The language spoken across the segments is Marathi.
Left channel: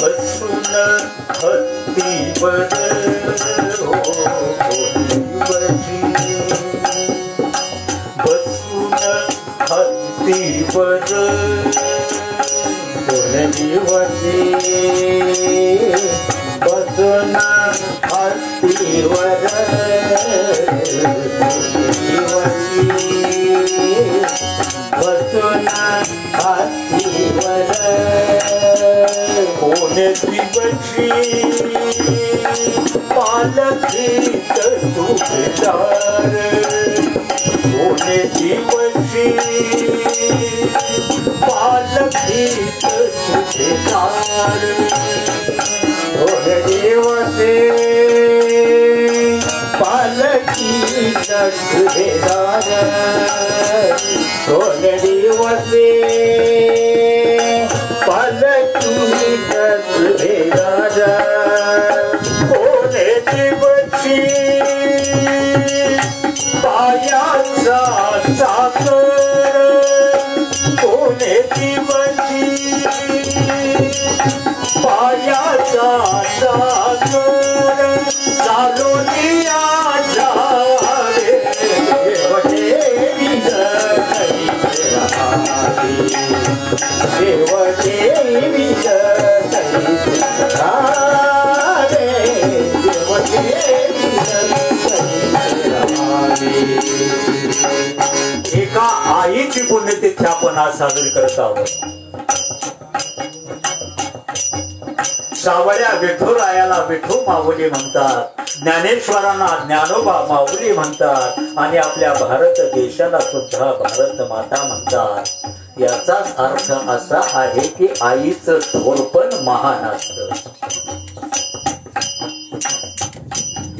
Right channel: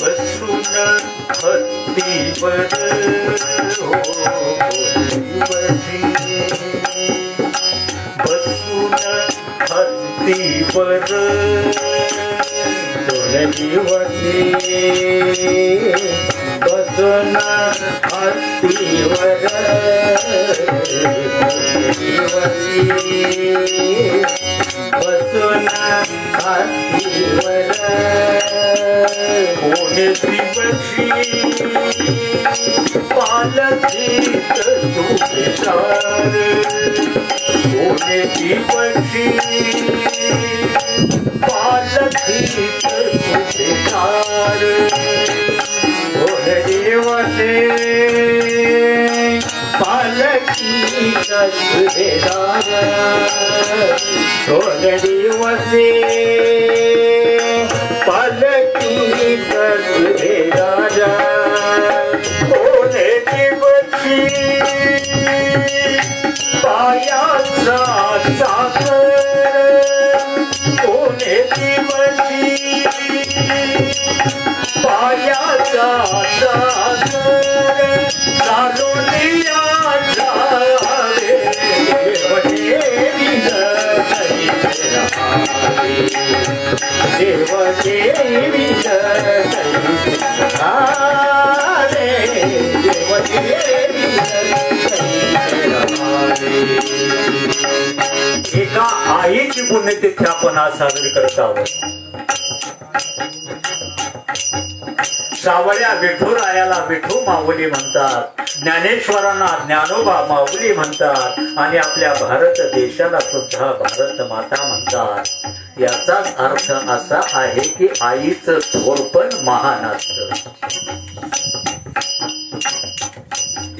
बसून हत्तीवर बसून हत्तीवर दोन दिवशी बसून हत्तीवर बसून हत्तीवर कोणी दिवशी पालखीत सुभेदार कोणी दिवशी पालखीत सुभेदार कोणी दिवशी पालखीत सुभेदार कोणी दिवशी पालखीत सुभेदार कोणी दिवशी पायाचा साखर कोणी दिवशी पायाचा साखर चालुनिया झाले देव देवी एका आईची पुण्यतिथी आपण आज साजरी करत आहोत. सावळ्या विठुरायाला विठू माऊली म्हणतात, ज्ञानेश्वरांना ज्ञानोबा माऊली म्हणतात आणि आपल्या भारत देशाला सुद्धा भारत माता म्हणतात. याचाच अर्थ असा आहे की आईचं थोरपण महान असतं.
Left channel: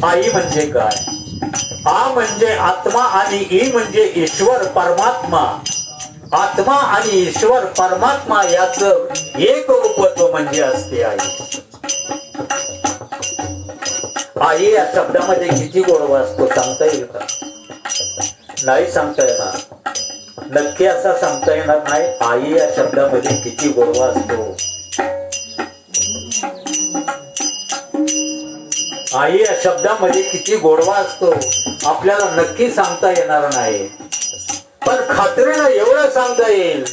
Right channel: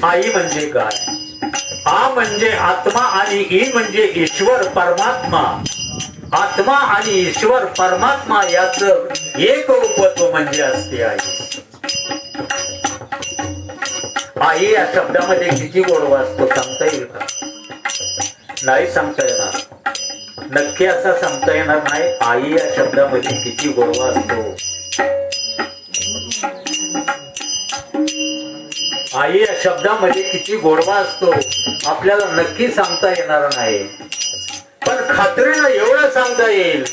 आई म्हणजे काय? आ म्हणजे आत्मा आणि ई म्हणजे ईश्वर परमात्मा. आत्मा आणि ईश्वर परमात्मा याचं एक रूपत्व म्हणजे असते आई. आई या शब्दामध्ये किती गोडवा असतो सांगता येईल का? नाही सांगता येणार. नक्की असा सांगता येणार नाही. आई या शब्दामध्ये किती गोडवा असतो. आई या शब्दामध्ये किती गोडवा असतो आपल्याला नक्की सांगता येणार नाही. पण खात्रीनं एवढं सांगता येईल,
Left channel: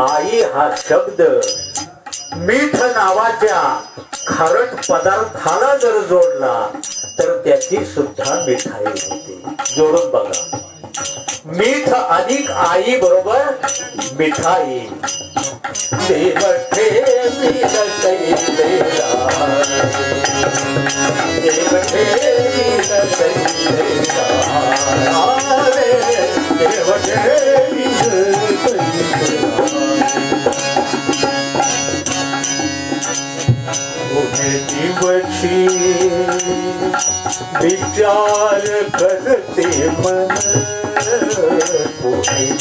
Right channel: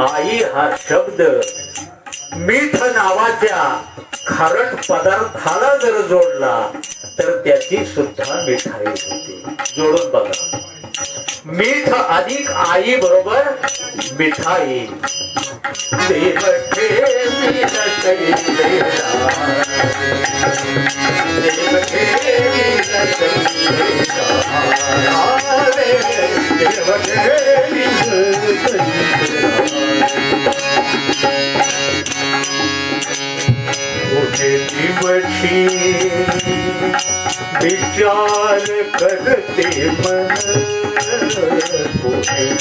आई हा शब्द मीठ नावाच्या खारट पदार्थाला जर जोडला तर त्याची सुद्धा मिठाई होते. जोडून बघा. मीठ अधिक आई बरोबर मिठाई. दिवशी विचार करते मन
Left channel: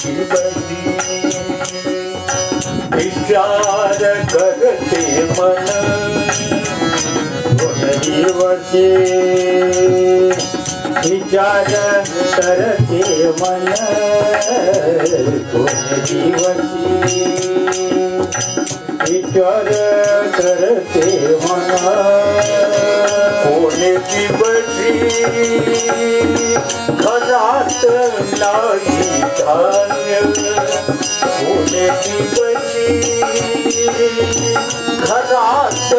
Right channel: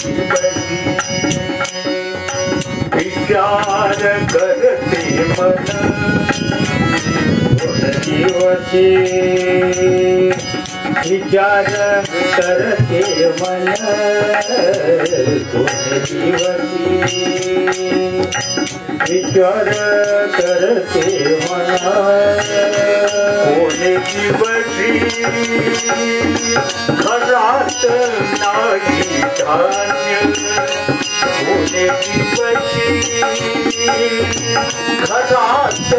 दिवशी विचार करते मन दिवशी विचार करते मन दिवशी विचार करते मना कोणी दिवशी घरात नाही धान्य कोणी दिवशी घरात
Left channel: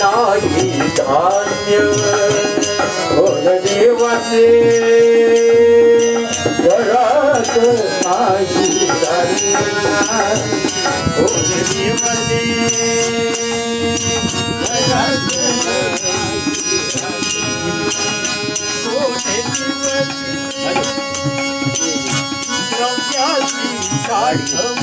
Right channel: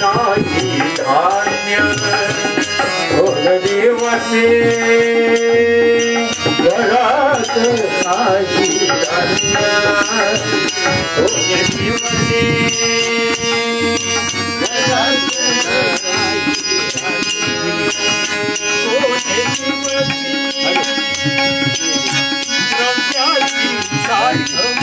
नाही धान्य कोणी दिवशी घरात नाही धान्य कोणी दिवशी घरात नाही गाडी